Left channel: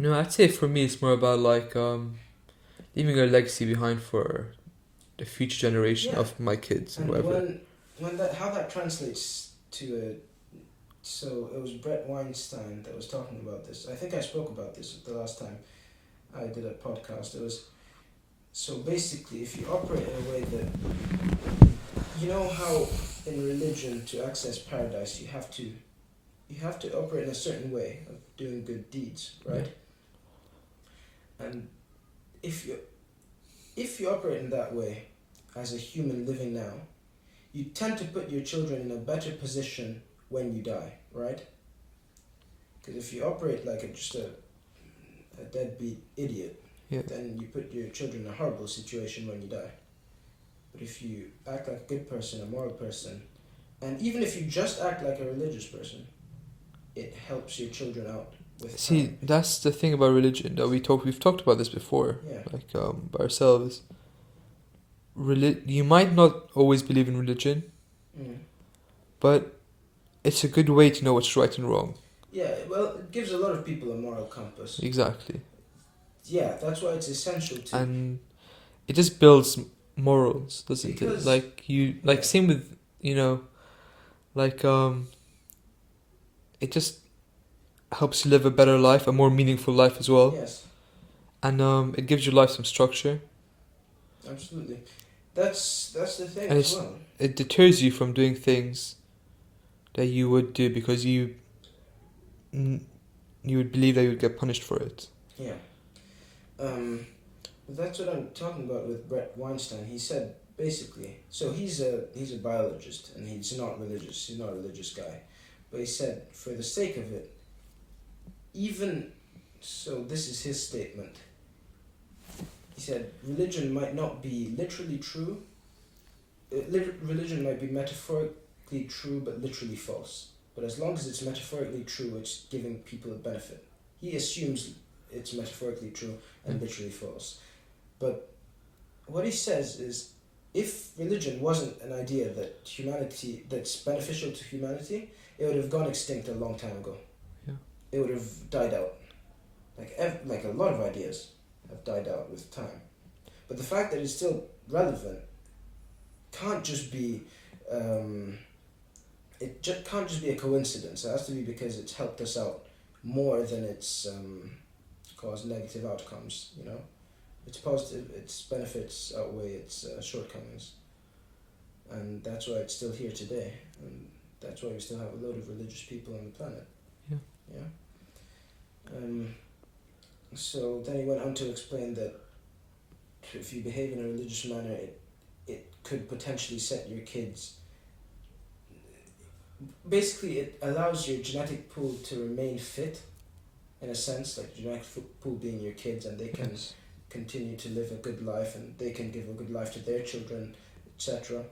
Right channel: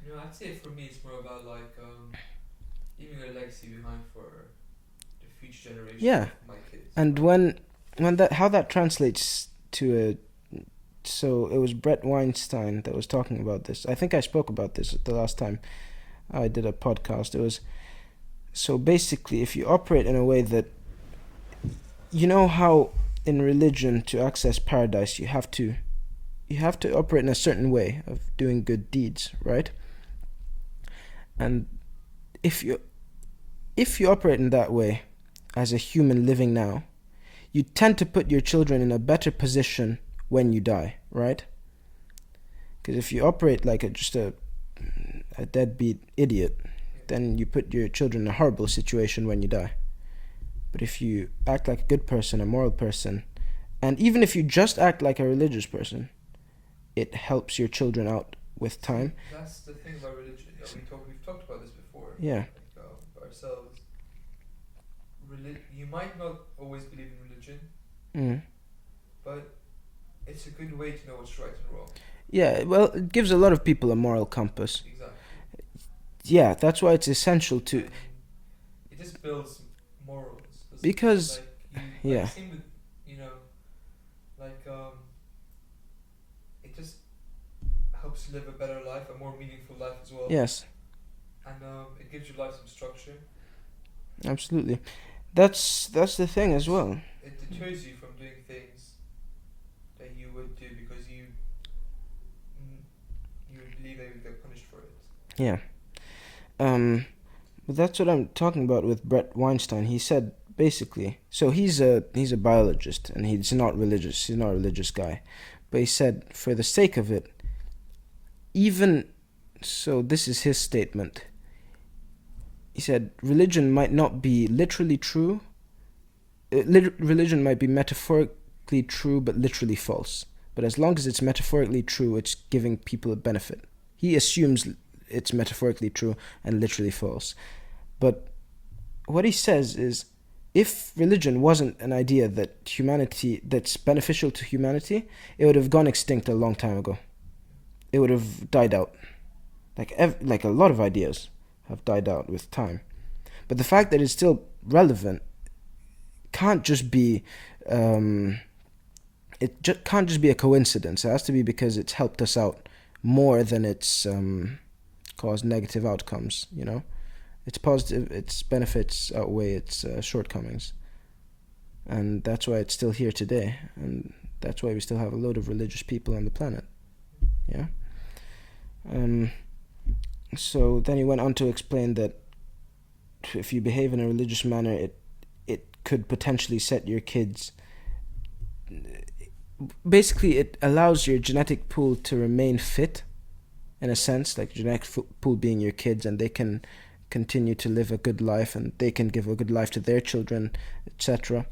No, I'd say for me it's more about like leaving a legacy behind for the future generation Yeah. of my kids, And whoever. when that how that translates to so it was Brett Weinstein that was talking about this. I think I spoke about this the last time I did a podcast. It was so basically if you operate in a way that you know how in religion to access paradise you have to operate in a certain way of doing good deeds, right? And if you operate in that way as a human living now, you tend to put your children in a better position when you die, right? Because if you operate like just a deadbeat idiot, Yeah. then you put your children in a horrible situation when you die. But if you act like a good person, a moral person, and even if you just act like a religious person, it helps your children out with See, time. that's the thing about religion that we've talked about this before. Yeah. Like by ourselves. You might not always believe in religion, Mm. but it's a good way to know what's right and wrong. Yeah, well, it gives a lot of people a moral compass. Exactly. Yeah, that's why it's essential to. And it just builds morals, doesn't Because- it? Like you, like yeah. same with like it just helps you live a better life, a more meaningful life as well. Yes, And it gives your life some structure. absolutely. That's the thing And as well. It deters you from doing things that you would do because you would believe that you would get punished for it. Yeah. But that's what I'm talking about with Brett Weinstein. He said basically, so he's a biologist and he's not religious. He's not a religious guy, but he said for the sake of it, even so, this is his statement. He said religion might not be literally true. Religion might be metaphorically true, but literally false. But as long as it's metaphorically true, it's giving people a benefit. He assumes it's metaphorically true and literally false. But what he says is, if religion wasn't an idea that's beneficial to humanity, it would have gone extinct a long time ago. Yeah. It would have died out. Like a lot of ideas have died out with time. But the fact that it's still relevant can't just be can't just be a coincidence. It has to be because it's helped us out more than it's caused negative outcomes. It's positive. Its benefits outweigh its shortcomings, and that's why it's still here today, and that's why we still have a load of religious people on the planet. Yeah. So then he went on to explain that if you behave in a religious manner, it could potentially set your kids. Basically, it allows your genetic pool to remain fit, in a sense, like genetic pool being your kids, and they can continue to live a good life, and they can give a good life to their children, etc.